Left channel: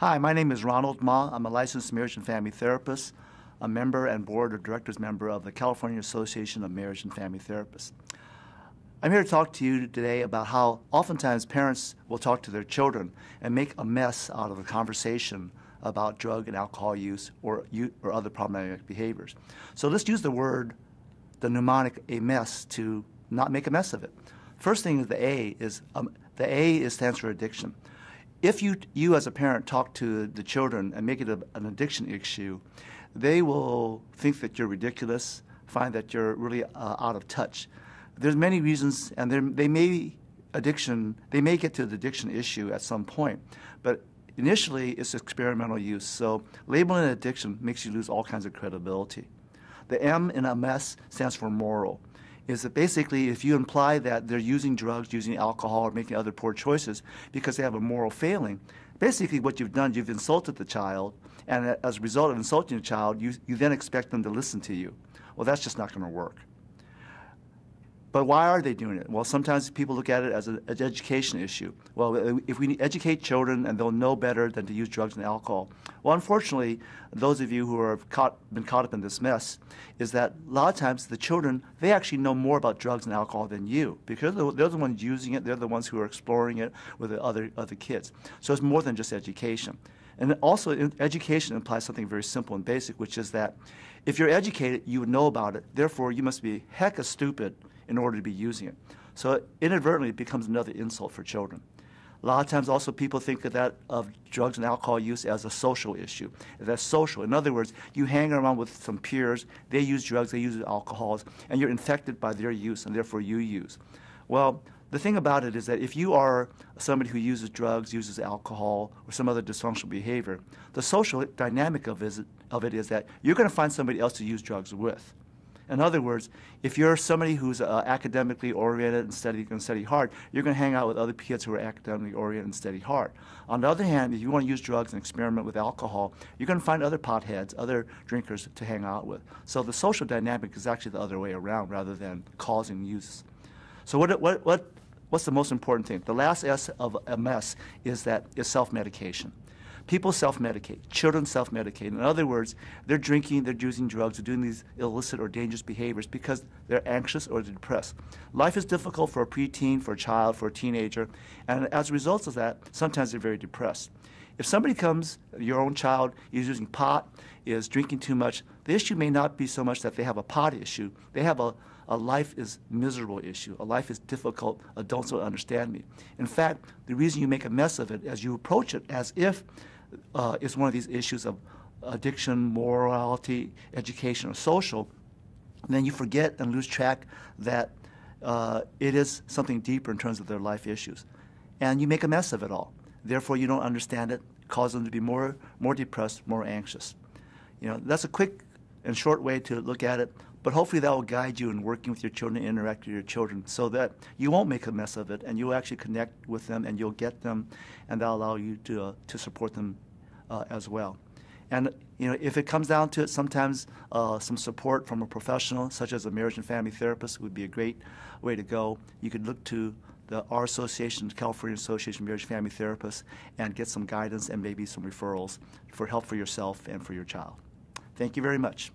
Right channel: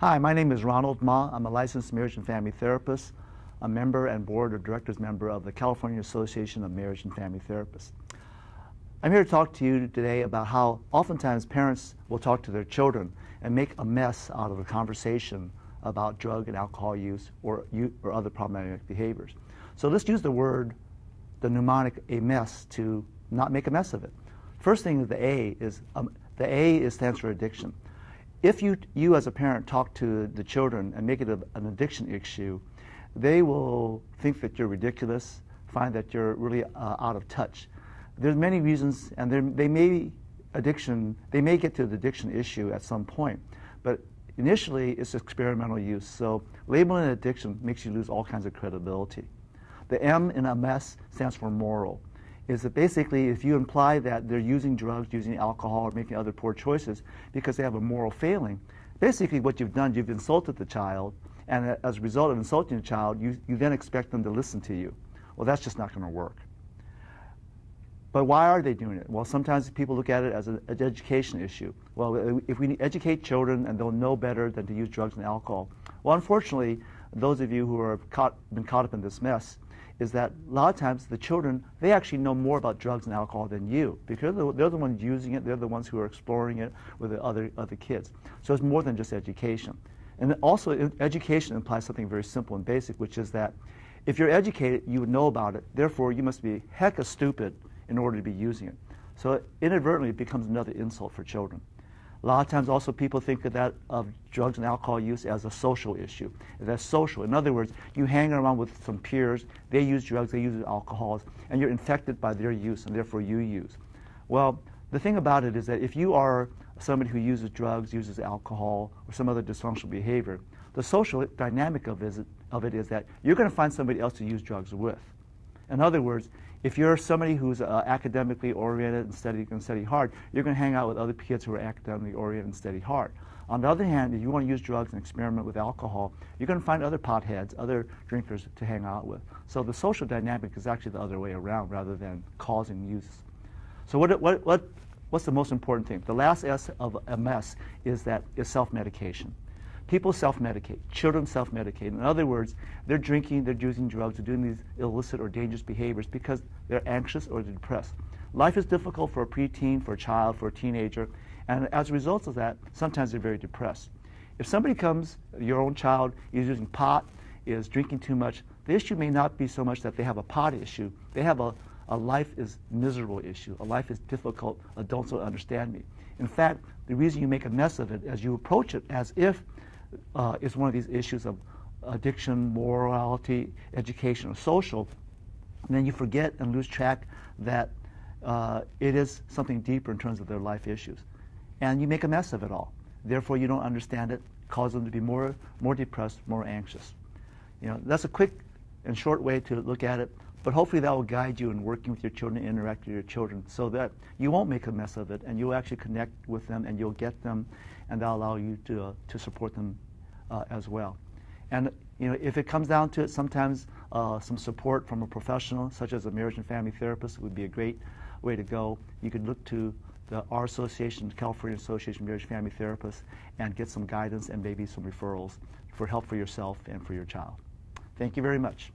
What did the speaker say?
Hi, my name is Ronald Ma. I'm a licensed marriage and family therapist, a member and board of directors member of the California Association of Marriage and Family Therapists. I'm here to talk to you today about how oftentimes parents will talk to their children and make a mess out of the conversation about drug and alcohol use or other problematic behaviors. So let's use the mnemonic a mess to not make a mess of it. First thing is the A stands for addiction. If you as a parent talk to the children and make it an addiction issue, they will think that you're ridiculous, find that you're really out of touch. There's many reasons, and they may get to the addiction issue at some point, but initially it's experimental use. So labeling an addiction makes you lose all kinds of credibility. The M in a mess stands for moral. Is that basically if you imply that they're using drugs, using alcohol, or making other poor choices because they have a moral failing, basically what you've done, you've insulted the child, and as a result of insulting the child, you then expect them to listen to you. Well, that's just not going to work. But why are they doing it? Well, sometimes people look at it as an education issue. Well, if we educate children and they'll know better than to use drugs and alcohol. Well, unfortunately, those of you who have been caught up in this mess is that a lot of times the children, they actually know more about drugs and alcohol than you because they're the ones using it, they're the ones who are exploring it with the other kids. So it's more than just education. And also education implies something very simple and basic, which is that if you're educated, you would know about it. Therefore, you must be hecka stupid in order to be using it. So inadvertently, it becomes another insult for children. A lot of times also people think of drugs and alcohol use as a social issue. That's social. In other words, you hang around with some peers, they use drugs, they use alcohols, and you're infected by their use, and therefore you use. Well, the thing about it is that if you are somebody who uses drugs, uses alcohol, or some other dysfunctional behavior, the social dynamic of it is that you're going to find somebody else to use drugs with. In other words, if you're somebody who's academically oriented and study hard, you're going to hang out with other kids who are academically oriented and study hard. On the other hand, if you want to use drugs and experiment with alcohol, you're going to find other potheads, other drinkers to hang out with. So the social dynamic is actually the other way around rather than causing use. So what's the most important thing? The last S of a mess is self-medication. People self-medicate. Children self-medicate. In other words, they're drinking, they're using drugs, they're doing these illicit or dangerous behaviors because they're anxious or they're depressed. Life is difficult for a preteen, for a child, for a teenager, and as a result of that, sometimes they're very depressed. If somebody comes, your own child is using pot, is drinking too much, the issue may not be so much that they have a pot issue. They have a life is miserable issue. A life is difficult. Adults don't understand me. In fact, the reason you make a mess of it is you approach it as if it's one of these issues of addiction, morality, education, or social, and then you forget and lose track that it is something deeper in terms of their life issues. And you make a mess of it all. Therefore, you don't understand it, cause them to be more depressed, more anxious. You know, that's a quick and short way to look at it, but hopefully that will guide you in working with your children, interact with your children, so that you won't make a mess of it, and you'll actually connect with them, and you'll get them, and that'll allow you to support them as well. And you know, if it comes down to it, sometimes some support from a professional, such as a marriage and family therapist, would be a great way to go. You could look to our association, the California Association of Marriage and Family Therapists, and get some guidance and maybe some referrals for help for yourself and for your child. Thank you very much.